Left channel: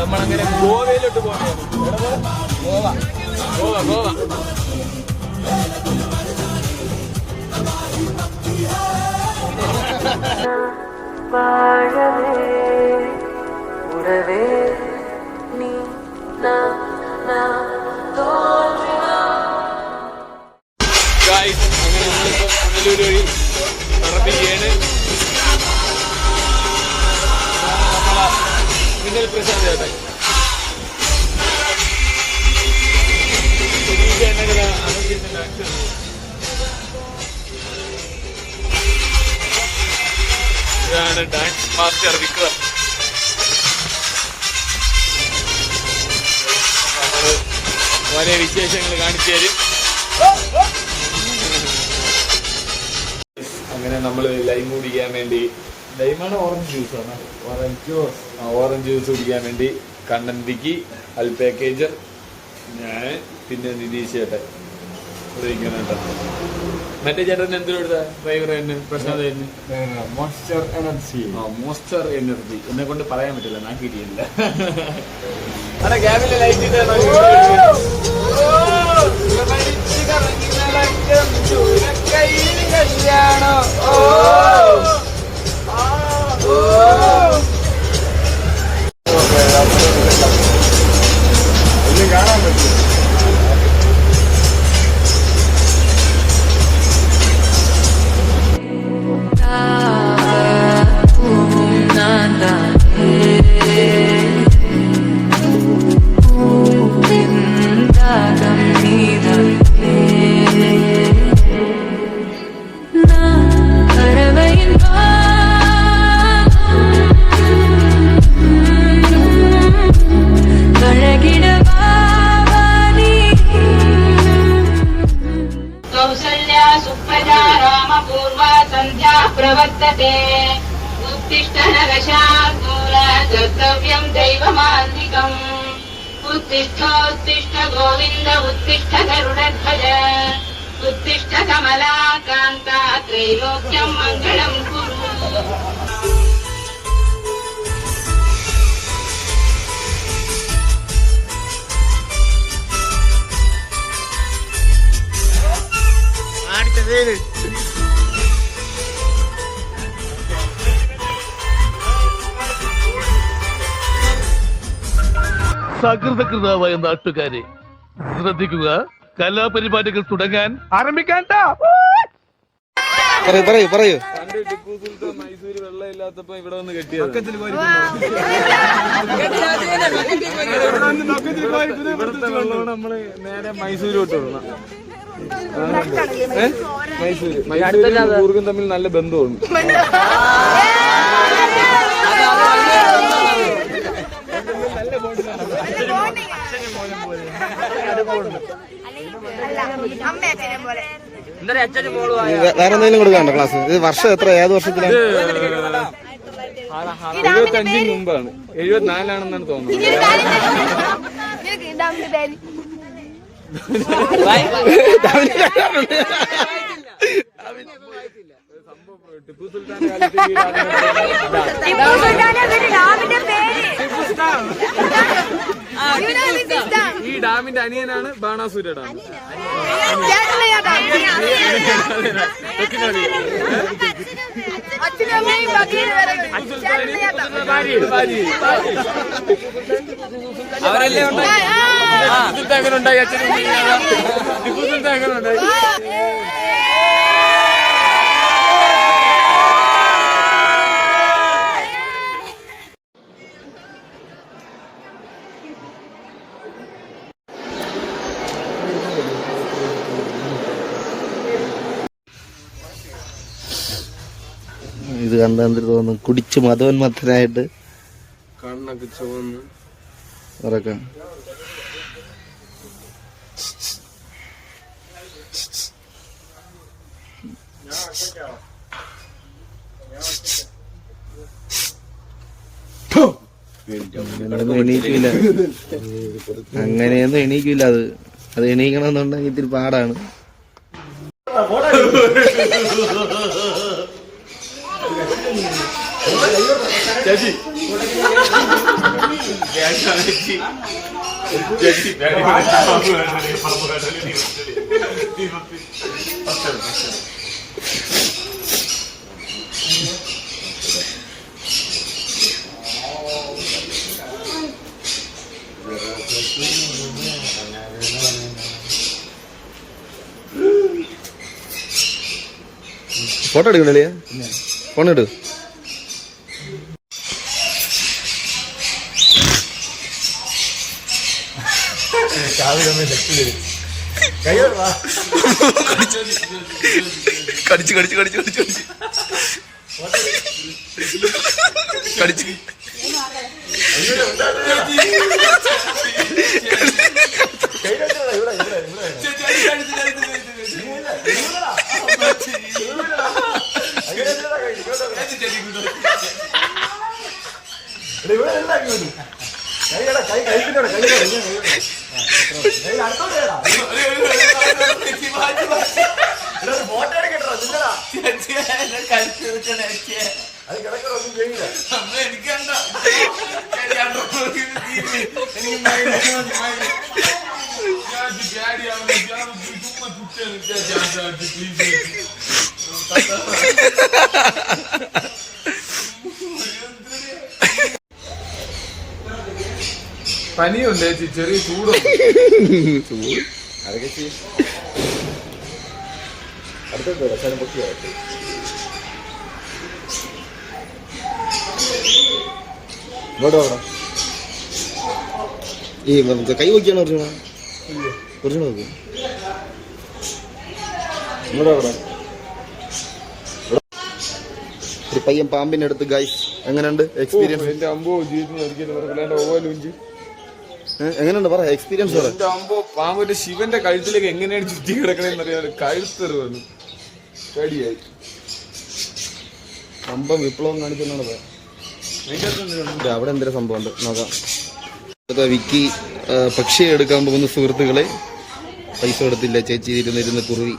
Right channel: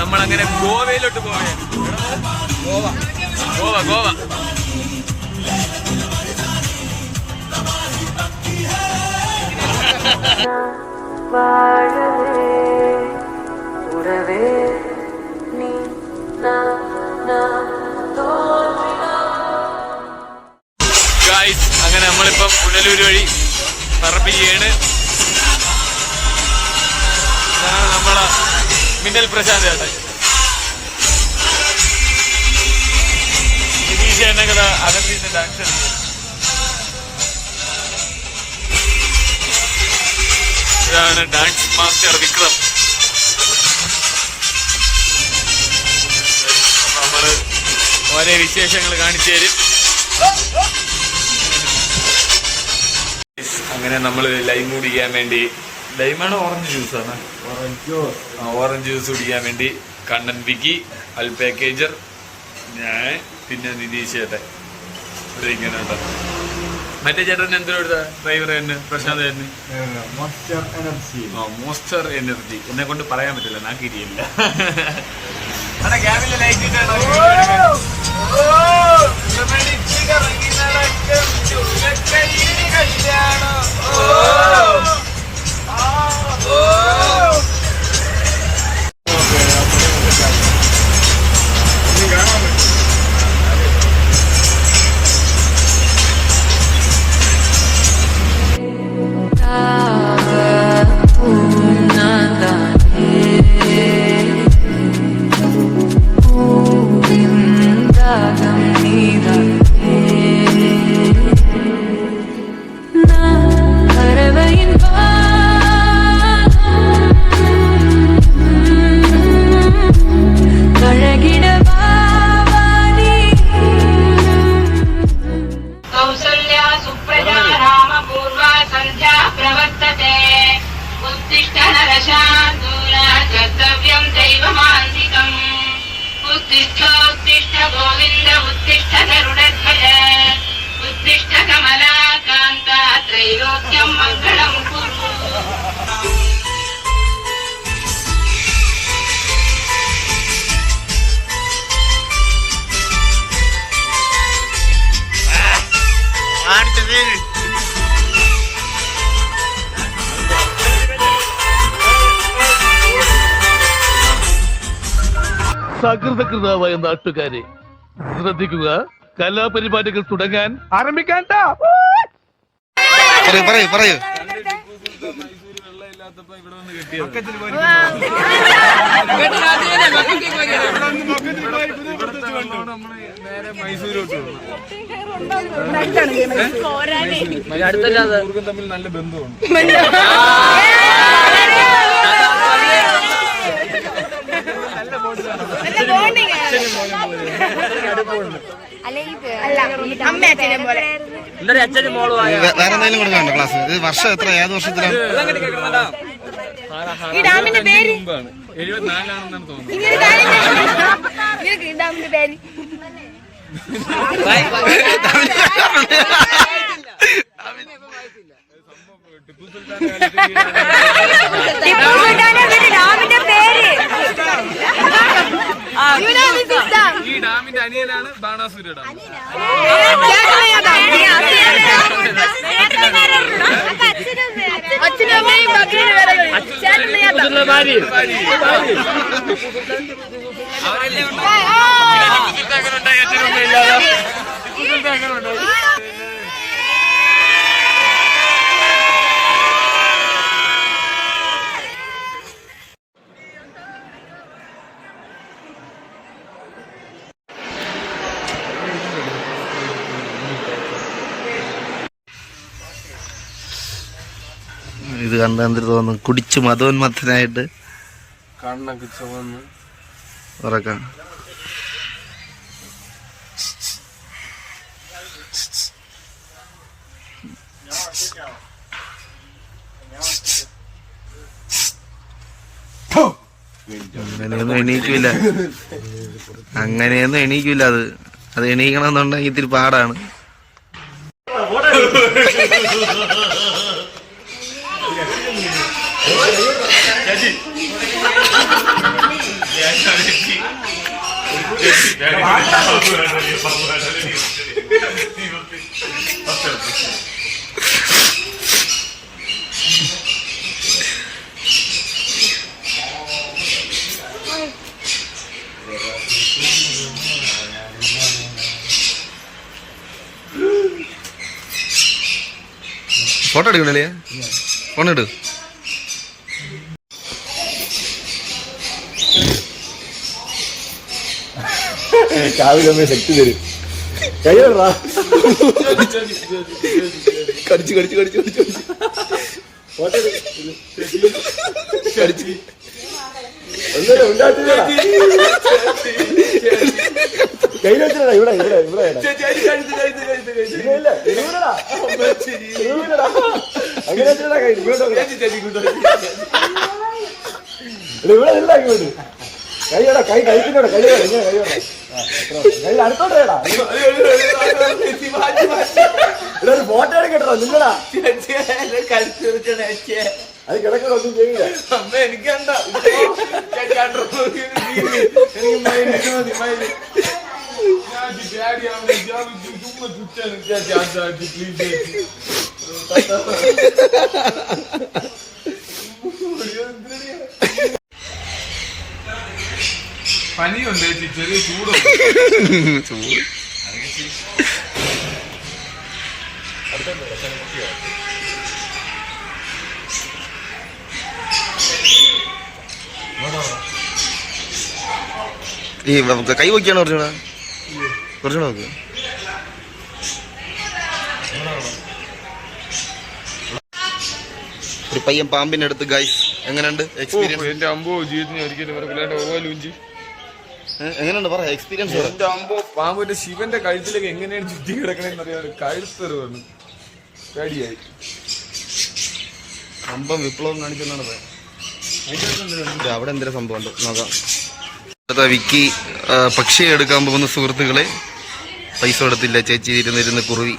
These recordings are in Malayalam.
നമ്മളങ്ങനെ ഗോവയിലോട്ട് പോവുകയാണ്. ഗോവ ഗോവ ഗോവ ഗായ്സ്, അങ്ങനെ നമ്മളിപ്പം പുനലൂര് വഴി പറപ്പിക്കുകയാണ്. ഇതാണ് നമ്മളെ മിന്നൽ പ്രശാന്ത് ചേട്ടൻ. ചേട്ടനൊക്കെ അകത്ത് ഡാൻസ്. ഇതാണ് ഡാൻസ് മാസ്റ്റർ വിക്രം. നമ്മള് ഓരോ വിശേഷങ്ങൾ കാണിച്ചു തരും. അങ്ങനെ നമ്മള് ലൈം കുടിക്കാൻ വേണ്ടി, ലൈമാണ് ഓറഞ്ച് ജ്യൂസാണ്, ഓറഞ്ച് ജ്യൂസ് കുടിക്കാൻ വേണ്ടി കണ്ണൻ വിക്കി, അൽ പാക്കേജർ, ഞാൻ, പിന്നെ നിതീഷ് ചേട്ടൻ ഇവിടെ ഇരിക്കുന്നുണ്ടോ. മറ്റേ ചേട്ടൻ എന്തിനു കൊടുത്ത ഡ്രൈവർ തന്നെ പ്രശാന്ത് തന്നെ മോസ്റ്റർ എനർജി എന്നെ കൊണ്ട് പറയാൻ പറ്റില്ല, ഞാൻ കിരിയില്ല. ക്യാബിലെ ലൈറ്റ് उत्तिष्ठ नरशार्दूल कर्तव्यं दैवमान्तिकम् उत्तिष्ठ गोविन्द उत्तिष्ठ गरुडध्वज उत्तिष्ठ कमलाकान्ता त्रैलोक्यं मङ्गलं कुरु. സകൃതകൃതാവായ നാട്ടുകാരെ ശ്രദ്ധിക്കുക, കലാപരിപാടികൾ തുടങ്ങാൻ ആരംഭിക്കാൻ. പറയൂ പറയൂ. മൈസൂര് വെള്ളം ഇല്ലാത്തപ്പോ ഇവിടെ വന്ന് കെട്ടിയ നമ്മള് നേരെ മൈസൂരോട്ട് വരണം. മൈസൂരും കൂർഗും തമ്മിൽ നല്ല ബന്ധമാണ്. വേറെ എന്തെങ്കിലും കൊടുക്കാണ്ടോ ക്ലാസ്? ഇത് വർഷം എത്ര, ഏത് വർഷത്തിലാണ്? 75 മുമ്പാണ്, 74 തോന്നുന്നു. ടിപ്പു സുൽത്താൻ ഈ ഡാമിന്റെ അനിയനാണ് ബാണാസുര ഡാം. ഉണ്ടായി അച്ഛനും ടിപ്പു സുൽത്താൻ ഉണ്ടായി. ഇത് കണ്ട എന്തിനു തോന്നുന്നു? കുടിച്ച് മതോന്മത്തനായിട്ട് കണ്ണൊക്കെ ചുവന്ന് ഉറക്കാം. അങ്ങനെയൊന്നും എണീക്കൂല, അങ്ങനെയൊന്നും എണീക്കൂല. അത് അത് എണീക്കണമെന്നുണ്ടെങ്കിൽ ഇത്തിരി പാടാണ്. ഫോട്ടോ എടുക്കണ്ടല്ലേ? ഫോൺ എടു. കടിച്ച് കടിച്ച് കടിച്ച് കടിച്ച് കടിച്ച് കടിച്ച് ഫോട്ടോ എടുക്കട്ടോ നിങ്ങളാ അത് കിടക്കൊന്നും ചെയ്യില്ല. എനിക്കണ്ട പനിയുണ്ട് ചേച്ചി, ചെറിയ ചൂടുണ്ട്. ചൂട് അതൊക്കെ ചെയ്യും. അടുത്ത പറ്റിയോ? ഈ കൈ വയ്ക്കാണ് കുറച്ചുകൂടെ കുറച്ചുകൂടെ നോക്ക്. ഒരു പയ്യൻ പാമ്പിന്റെ അടുത്ത് ഗൈസ് എങ്ങനെയുണ്ട് എക്സ്പീരിയൻസ്? എന്റെ അമ്പോ ജീവിതത്തിന് ഒരിക്കലും മറക്കില്ലാണ്ട് ഓവാലൂഞ്ചി. എങ്ങനെയുണ്ട് പറ എക്സ്പീരിയൻസ്? എന്റെ അമ്പോ പാമ്പിന്റെ ശിവന്റെ കഴുത്തിലേക്ക് എങ്ങനെയാണ് ചുറ്റി കിടക്കണെന്ന് അറിയാൻ കഴുത്തെറിവാണ്. പേടിയായി. സംഭവം വിപ്ലവം കാണിച്ചെന്നാണ് പറയാം. അവിടെ എന്തൊരു സംഭവം ഉണ്ട് നോക്കാം. വിക്കി പക്ഷിയെ എടുക്കാൻ പോകുന്ന സുഹൃത്തുക്കളെ, പൈസ കൊടുത്തില്ല, ചേച്ചി ഇരുന്നിരുന്ന് കുറുവി.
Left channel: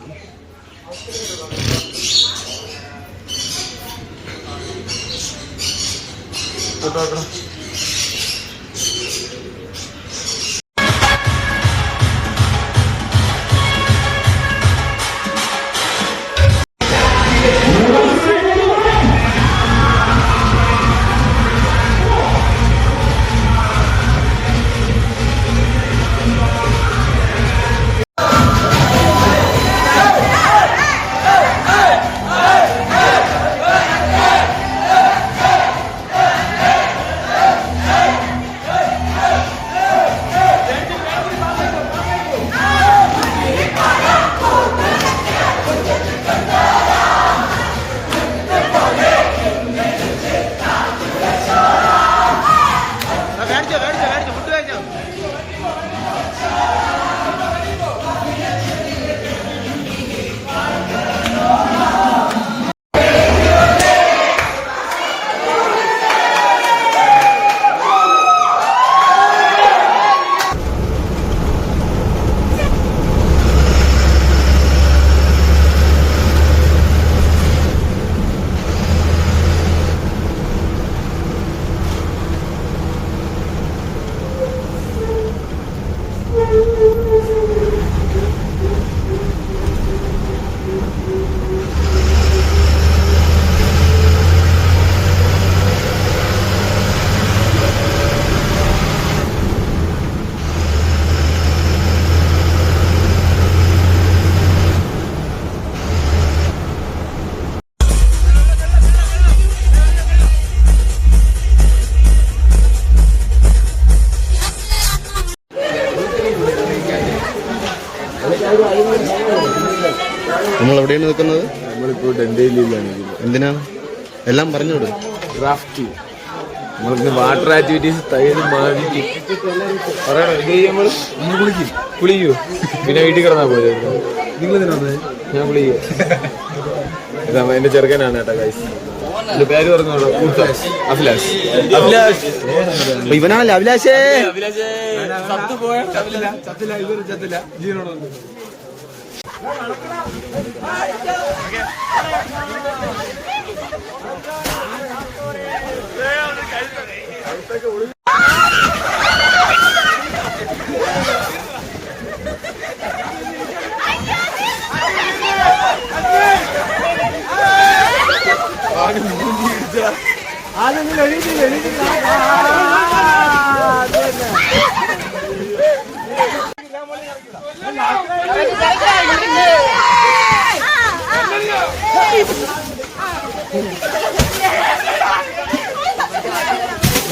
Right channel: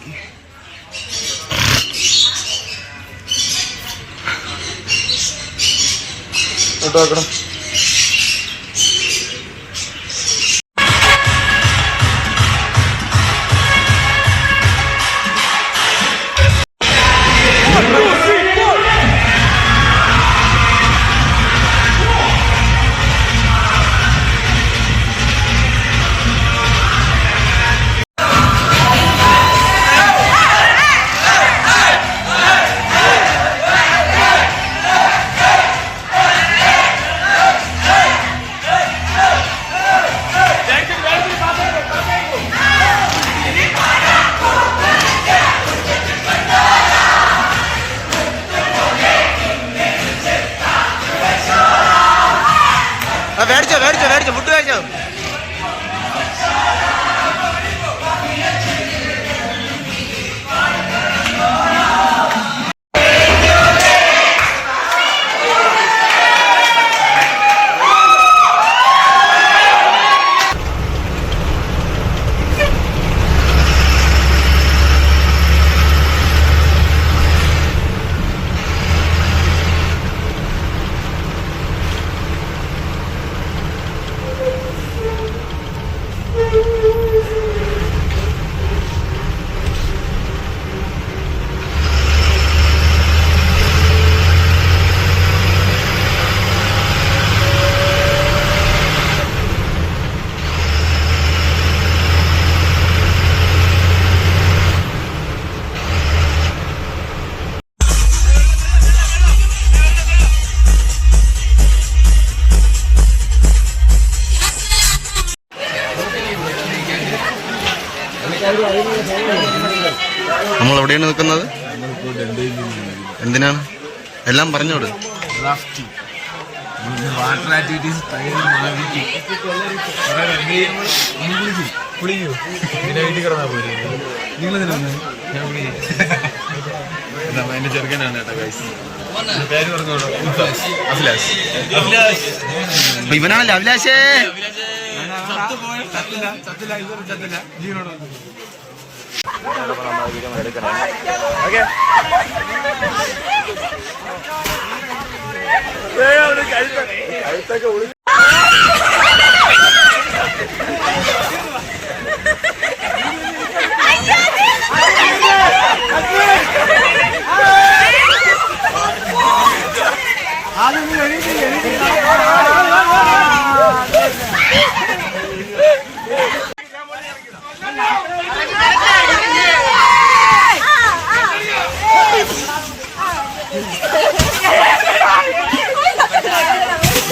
നമ്മൾ എവിടെയാണ് നിൽക്കുന്നത്? നമ്മളിപ്പോ ഡെൻഡയിലാണ്. എന്തിനാണ്? എല്ലാം പറഞ്ഞോട്. ഡ്രാഫ്റ്റ് നമ്മളിപ്പോ വാട്ടർ ആക്ടിവിറ്റീസ് തയ്യലും മാതിക്കും കുളിക്കൂ. പിന്നെ വീട്ടിൽ കിടന്നാ പോയത്. നിങ്ങളെന്തിനാണ്? ഞാൻ കുളിക്കൂ. എന്റെ ചെറുക്കനാണ് കേട്ടോ ഗൈസ്. എന്റെ പേര് പറഞ്ഞോളൂ. ഇവനാണല്ലോ അഭിലാഷേ. ചത്തില്ല ഇതൊരു ചത്തില്ല ജീവനോടുണ്ട്. അതൊന്നും എഴുതിയില്ല.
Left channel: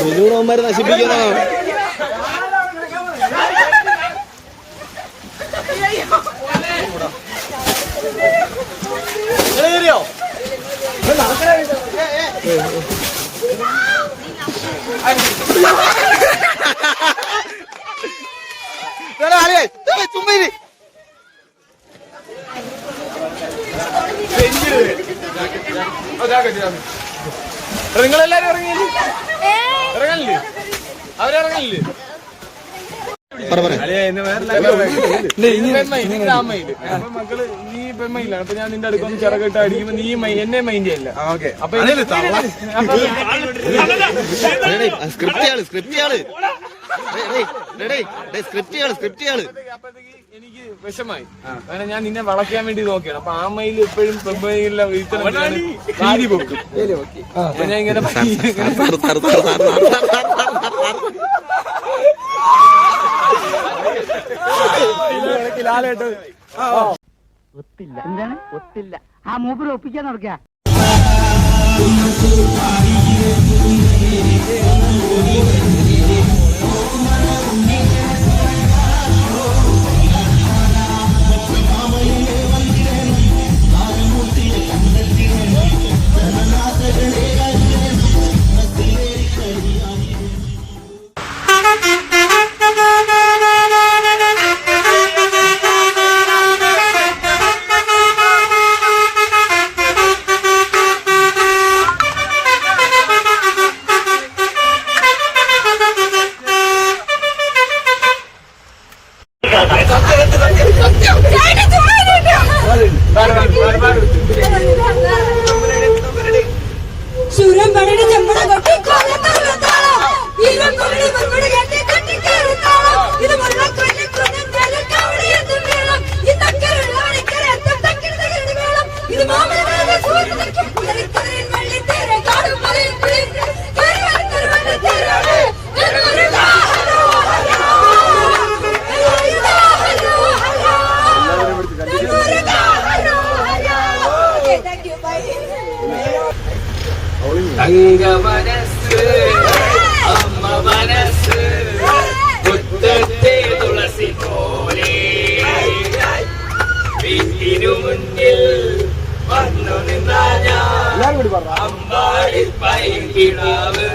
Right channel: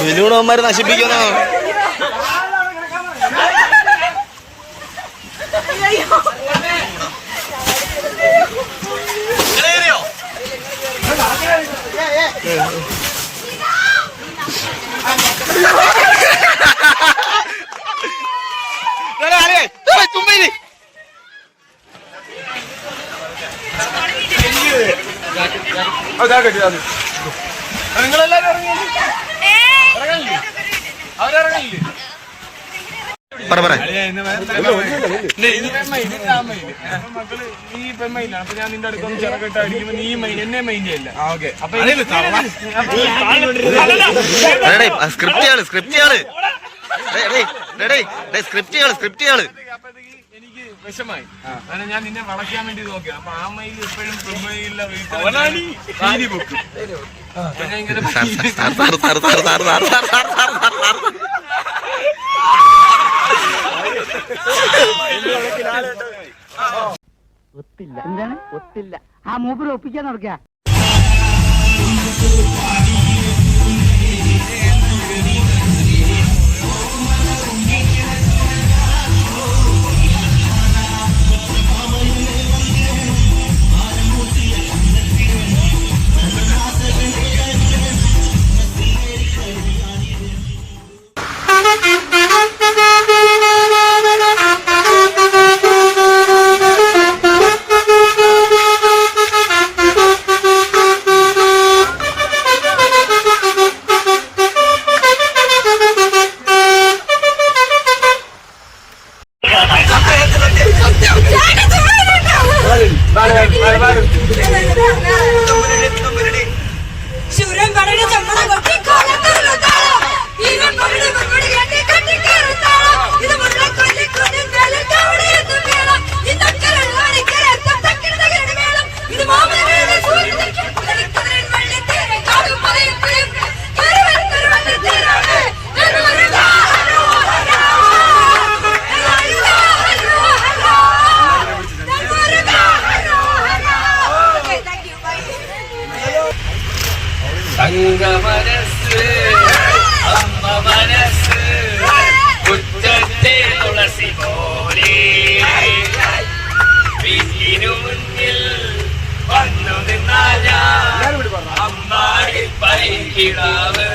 മെനൂണവന്മാര് നശിപ്പിക്കുന്നോ? ചുമ്മാ നിങ്ങളെല്ലാരും ഇറങ്ങിയില്ലേ? ഇറങ്ങാനില്ലേ? അവരിറങ്ങാനില്ലേ? മക്കള് ഈ പെമ്മയിലാണ്. അപ്പൊ ഞാൻ നിന്റെ അടുത്തൊന്ന് ചിറകിട്ട് അടിക്കുമ്പോ നീ എന്നെ മൈൻഡ് അല്ല. എനിക്ക് വിഷമായി. അങ്ങനെ ഞാൻ നിന്നെ വളയ്ക്കാൻ വേണ്ടി നോക്കിയാണ്. അപ്പൊ ആ മയിൽ എപ്പോഴും പെമ്മയിലുള്ള വീതി കൊടുക്കും. അപ്പൊ ഞാൻ ഇങ്ങനെ ഒത്തില്ല. എന്താണ് ഒത്തില്ല? ആ മൂപ്പര് ഒപ്പിക്കാൻ നടക്കുക. ശൂരൻ പടയുടെ ചെമ്മട കൊട്ടി കൊലത്താളം ഇരം പടയുടെ പടയുടെ കണ്ടി കട്ടി കയറുത്താളം ഇത് മുള്ള കൊല്ലി കൊല്ലൻ മേലെ തവളയെന്ന് വേണം ഇന്നക്കരളാണ് കരത്തം തക്കിട തകിട വേണം ഇത് മാമല മേലെ സൂര്യൻ തക്കിട കുലരിക്കുന്നതിൻ വള്ളി തീര കാടും മലയും കയറി വരുന്നൊരു വള്ളി തീരാണ് മനസ്സ് അമ്മ മനസ്സ് മുറ്റത്തെ തുളസി പോലെ വീട്ടിനു മുന്നിൽ വന്നു നിന്നായ അമ്പാടി പൈകിടാവ്.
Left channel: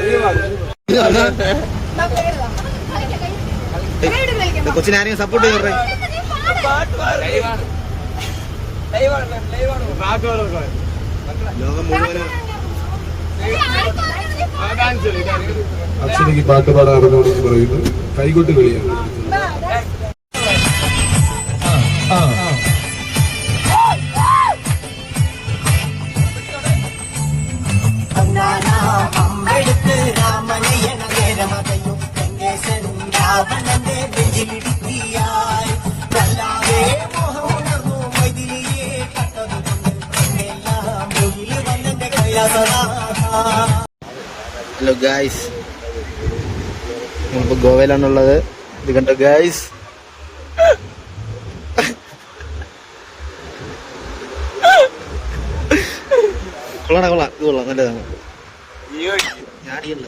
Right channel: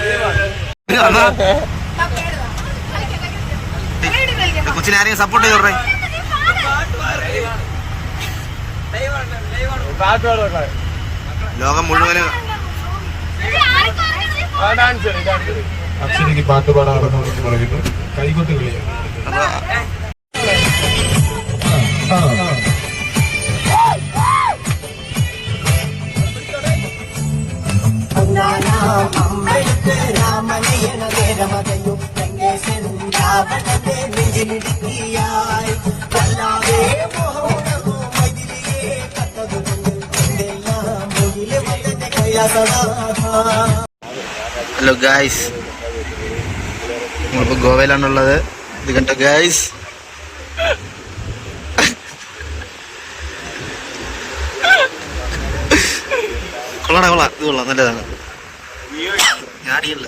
കൊച്ചിനെ ആരെയും സപ്പോർട്ട് ചെയ്തോട്ടെ. ലോകം മുഴുവനും അക്ഷരയ്ക്ക് പാട്ട് പാടാൻ അറിഞ്ഞുകൊണ്ടെന്ന് പറയുന്നു. കൈകൊട്ട് കളിയാണ്. ഹലോ ഗായ്സ്, നമ്മളിപ്പോ ഗോവയിലാണുള്ളത്. ഇത് കണ്ടോ ഗായ്സ്, കൊള്ളാം, ഇത് കൊള്ളാം, നല്ലതാണ്. ഞാടിയല്ല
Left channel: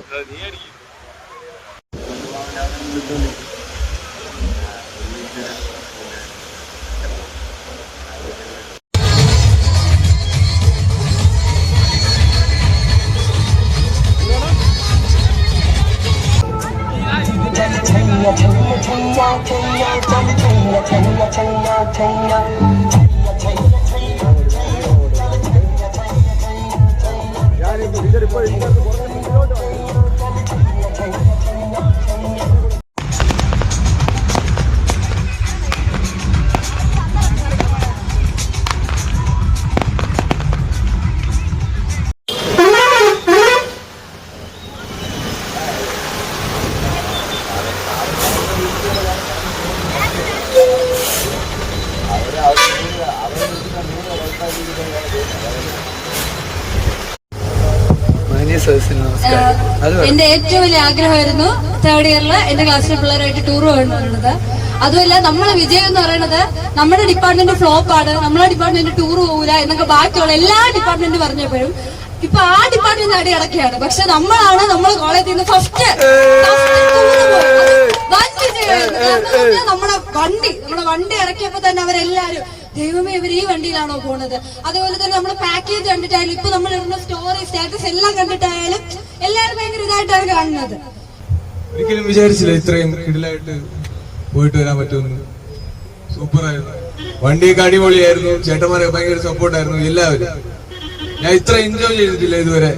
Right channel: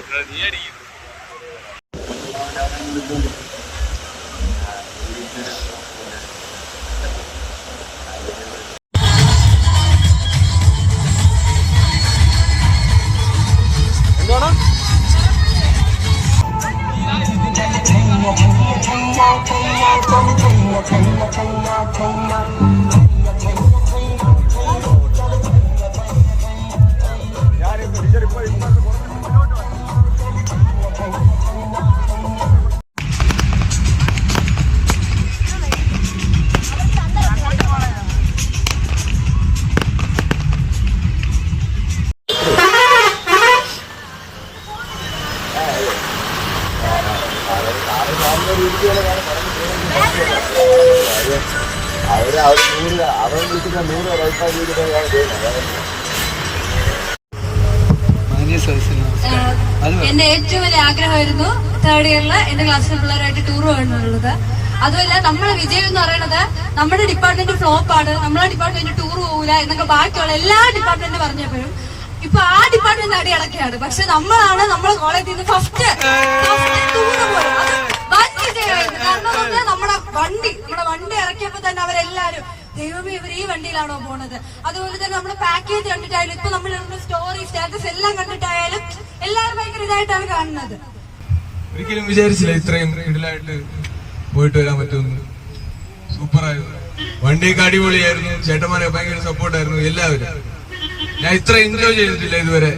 എന്റെ ഏറ്റവും വലിയ ആഗ്രഹമായിരുന്നു തേർഡ് ഇയറിൽ എന്റെ ക്ലാസ്സിലെ പിള്ളേരായിട്ട് ടൂർ പോകണമെന്നുള്ളത്. അതുമല്ല നമ്മളെ വിജയം എന്ന് പറയുന്നത് നമ്മുടെ ഡിപ്പാർട്ട്മെന്റ് ഫ്ലോപ്പ് ആണ്, നമ്മളെ ഡിപ്പാർട്ട്മെന്റ് ടൂർ പോകില്ല എന്നൊക്കെ ബാക്കിയുള്ള എല്ലാ ഡിപ്പാർട്ട്മെന്റ് പറഞ്ഞപ്പോഴും ഇപ്പൊ ആ ഡിപ്പാർട്ട്മെന്റ് അടി അടക്കുകയാണ്. പക്ഷെ നമ്മളാണ് നമ്മളെ കോളേജിൽ നിന്ന് ഫസ്റ്റ് വിജയമായിരുന്നു. കാരണം നമ്മുടെ വണ്ടി ഇറക്കിയപ്പോ തന്നെ അവരെല്ലാരും ദൈവമേ ഇവർ ഈ വണ്ടിയിലാണോ പോണത്. അതുപോലെ തന്നെ നമ്മുടെ പാക്കേജ് കണ്ടിട്ടായാലും ഇപ്പൊ നമ്മൾ സ്റ്റോറി സ്റ്റാറ്റസ് എല്ലാം കണ്ടിട്ടായാലും എല്ലാവരും ഭയങ്കര ഇതായിട്ടാണ് കാണുന്നത്. ഒരിക്കലും വിചാരിച്ചില്ല ഇത്രയും കിടിലായിട്ട് പോയിട്ട് വരാൻ പറ്റുമെന്ന്. സൂപ്പറായിരുന്നു, വണ്ടിയൊക്കെ അടിപൊളിയായിരുന്നു, ചേട്ടന്മാരെ ഭയങ്കര സപ്പോർട്ടായിരുന്നു എല്ലാവരും. ഞാൻ ഇത്ര എൻജോയ് ചെയ്തിട്ടില്ല ഇതുവരെ.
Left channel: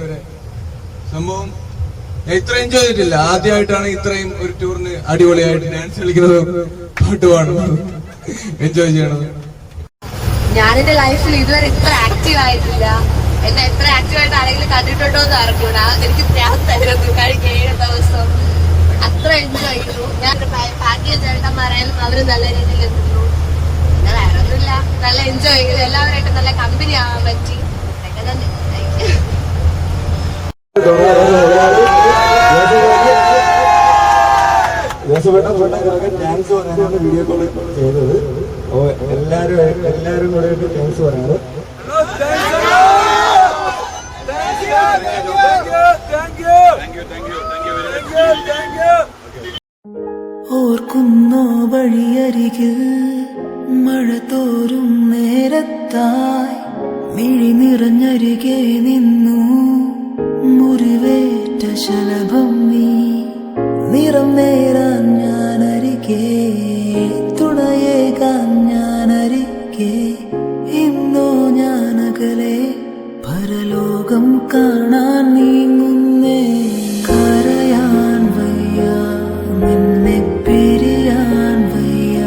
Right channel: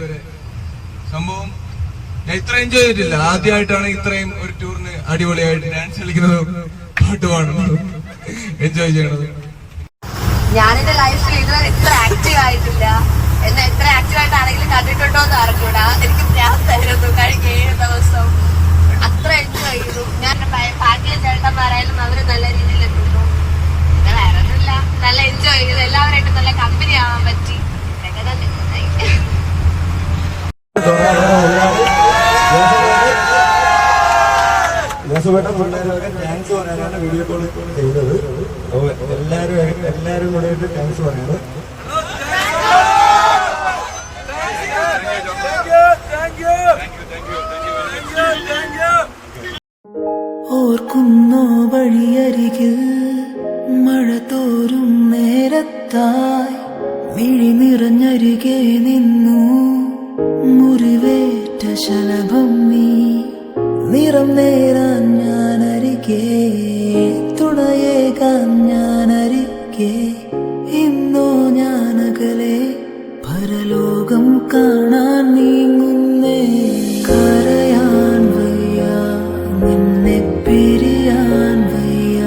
സംഭവം ഞാൻ ഇത്ര എൻജോയ് ചെയ്തിട്ടില്ല. ആദ്യമായിട്ടാണ് ഇത്രയും ഒരു ടൂറിന് അടിപൊളിയായിട്ട് ഡാൻസ് കളിക്കുന്നതും പാട്ട് പാടുന്നതും എൻജോയ് ചെയ്യണത്. ഞാനെന്റെ ലൈഫിൽ ഇതുവരെ ഇത്ര ആക്റ്റീവ് ആയിട്ടില്ല. എന്നെ എത്ര ആക്റ്റീവായിട്ട് ആരെങ്കിലും കണ്ടിട്ടുണ്ടോ എന്ന് അറിഞ്ഞൂടാ. എനിക്ക് പ്രാന്തായിരുന്നു കഴിക്കുന്ന ദിവസം. അത്ര എൻജോയ് ചെയ്തു. ഞാൻ പാക്കേജ് ചേട്ടന്മാരായാലും അവര് നല്ല രീതിയിൽ നിന്നു. പിന്നെ വേറെ ഒന്നുമില്ല, നല്ല എൻജോയ് ചെയ്തു. എല്ലാവരായിട്ടും നല്ല കമ്പനി ആവാൻ പറ്റി. താങ്ക്സ് പറയാനാണ് വീഡിയോ കോൾ ചെയ്തത്. അപ്പോൾ എല്ലാവരും കൂടെ താങ്ക്സ് പറയാറ്. ഓർക്കുന്നോ വഴിയരികിൽ മഴ തോരും നേരത്തായി മിഴി നിറഞ്ഞരികെ നിന്നു മുറിവേറ്റ ശലഭം നീ. നിറം നേരാൻ ഞാനരികെ, തുണയേകാൻ ഞാനരികെ. ഇന്നോ ഞാനകലെ പരലോകം കാണാൻ നീങ്ങുന്നേ. കരയാൻ വയ്യ, നിന്നെ പിരിയാൻ വയ്യ.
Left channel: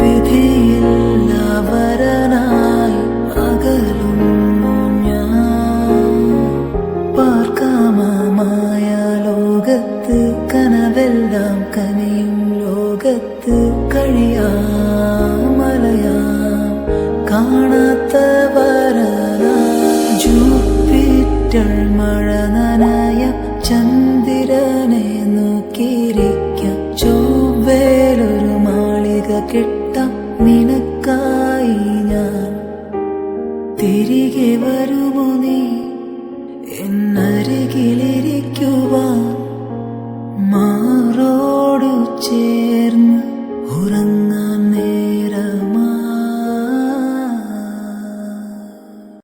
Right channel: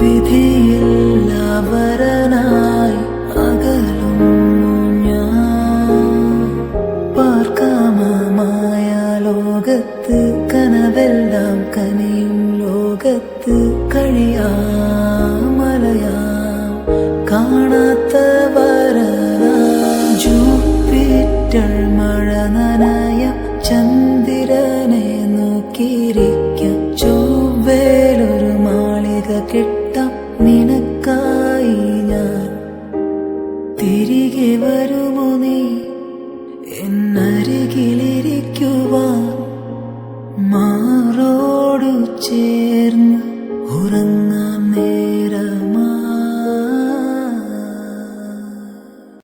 വിധിയില്ല വരനായി അകലുന്നു ഞാൻ. പാർക്കാമമായ ലോകത്ത് കനവെല്ലാം കനിയും ലോകത്ത് കഴിയാമലയാം കാണാത്ത വരനാ. ജൂപ്പിറ്റർ മഴ നനയാം, ചന്ദ്രനെ നോക്കിയിരിക്കാം. ചൊവ്വേലൊരു മാളിക കെട്ടാം നിനക്കായി ഞാൻ. തിരികെ വരുമോ നീ എന്നരികിലെ